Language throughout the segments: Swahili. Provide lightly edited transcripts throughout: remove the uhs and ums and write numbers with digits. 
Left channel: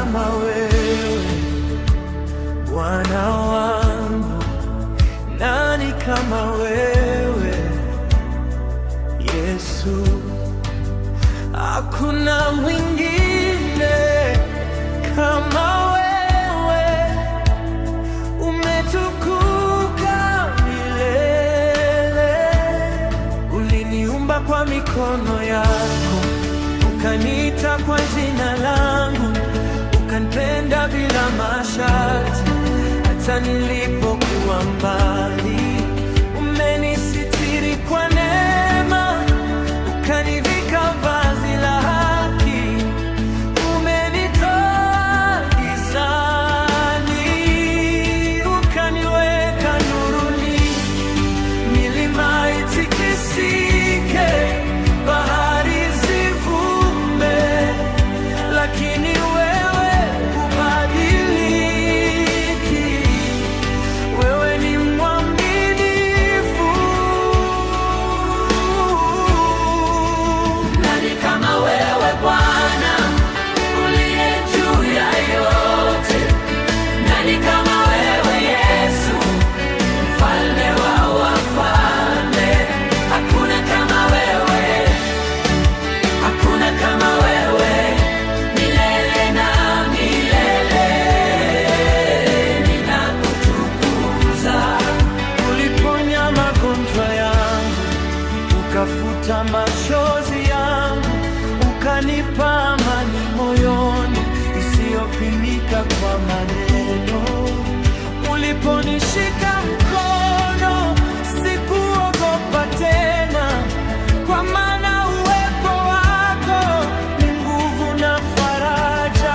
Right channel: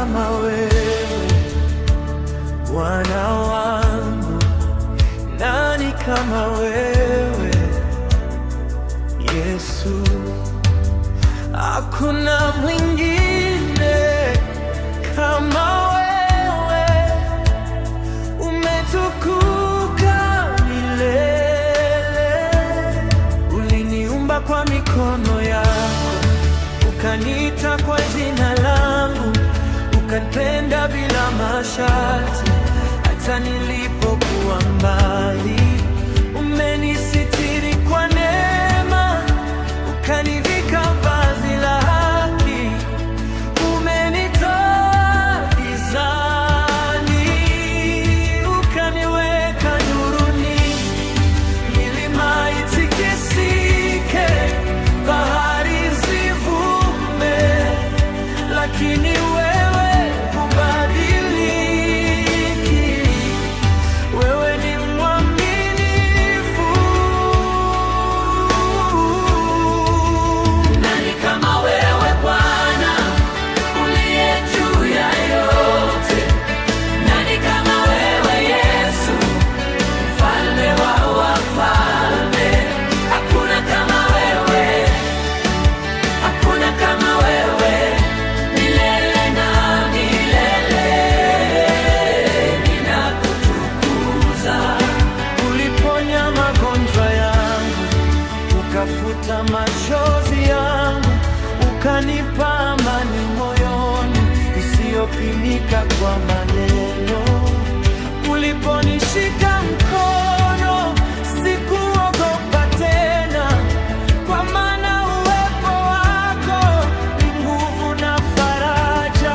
kama wewe Bwana wangu? Nani kama wewe Yesu? Hakuna mwingine kama wewe, umetukuka milele. Uliniumba kwa mikono yako, ukaniita kwa jina langu, ukanipenda bila masharti. Hata nilipokuwa mbali, umenisitiri kwa neema, ukanivika vazi la haki. Umenitoa gizani, ukaniweka nuruni. Milima itikisike, bahari zivume, lakini wewe hubadiliki. Wewe ni mwaminifu. Nani kama wewe Bwana, uliye juu ya yote? Nani kama wewe Yesu, mfalme wa wafalme? Hakuna kama wewe, hakuna kama wewe, milele na milele ninakutukuza. Uliponya magonjwa yangu, ukafuta machozi yangu, ukanipa amani moyoni isiyopimika kwa maneno. Uliponishika mkono, sikuogopa tena, kwa maana uwepo wako ni nguvu na faraja.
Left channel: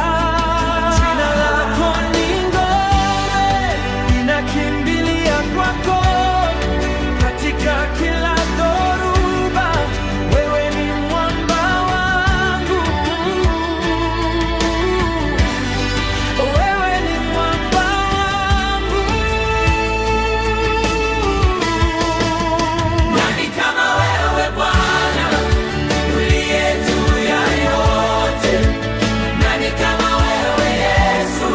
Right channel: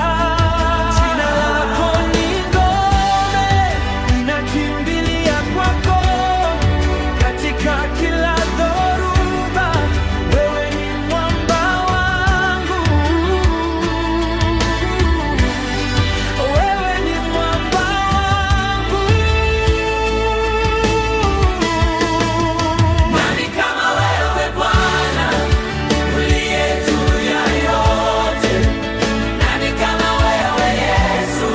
Jina lako ni ngome, ninakimbilia kwako. Katika kila dhoruba, wewe ni mwamba wangu. Wewe ni mwamba wangu. Nani kama wewe Bwana, uliye juu ya yote? Nani kama wewe Yesu,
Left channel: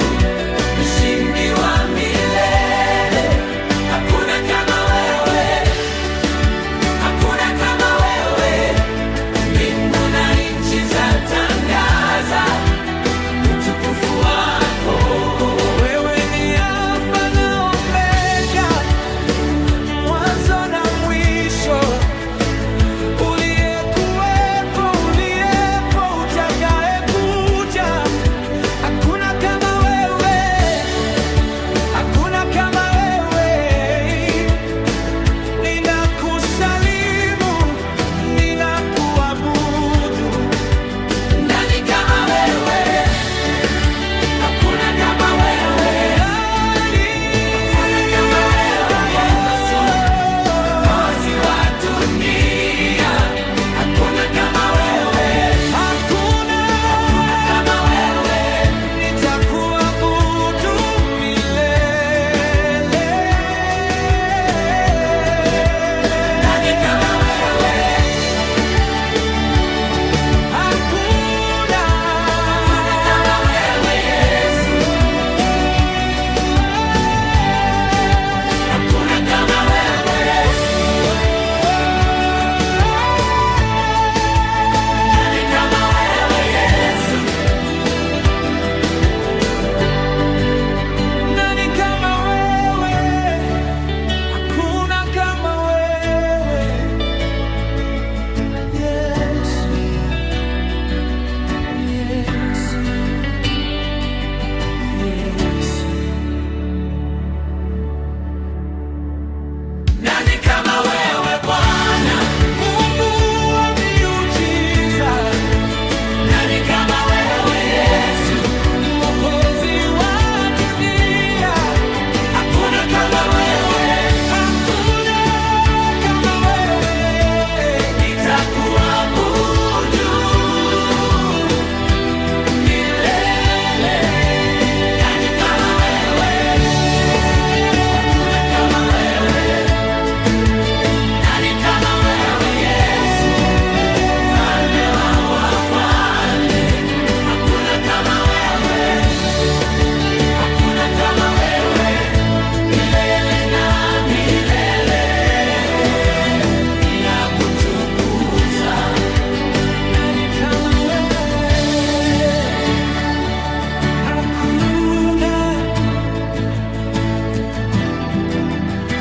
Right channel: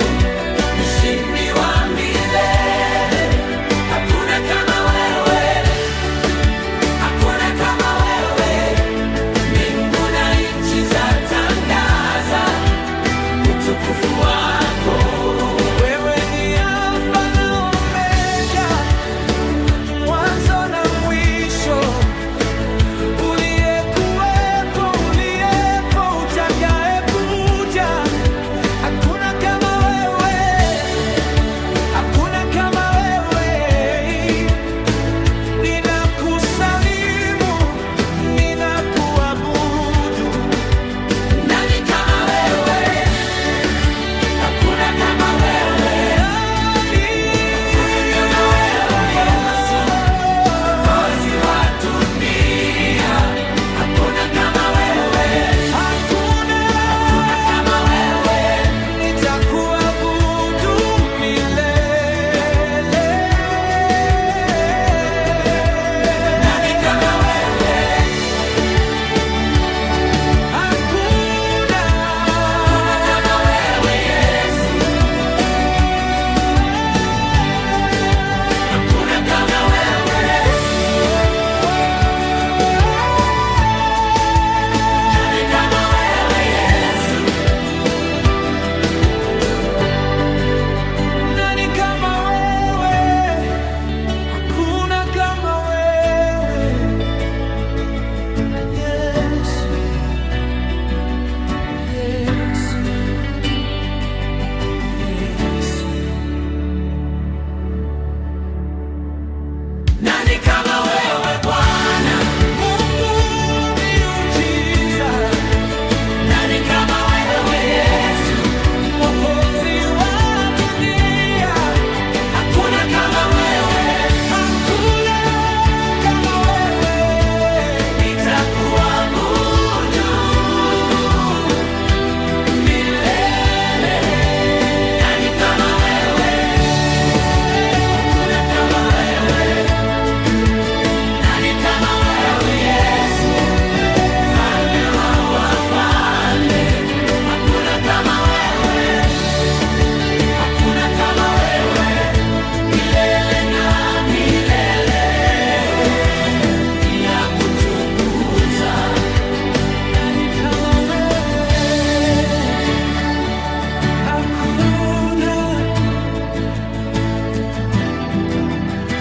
mshindi wa milele? Hakuna kama wewe, hakuna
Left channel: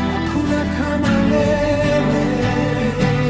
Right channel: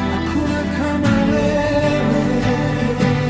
hakuna kama wewe.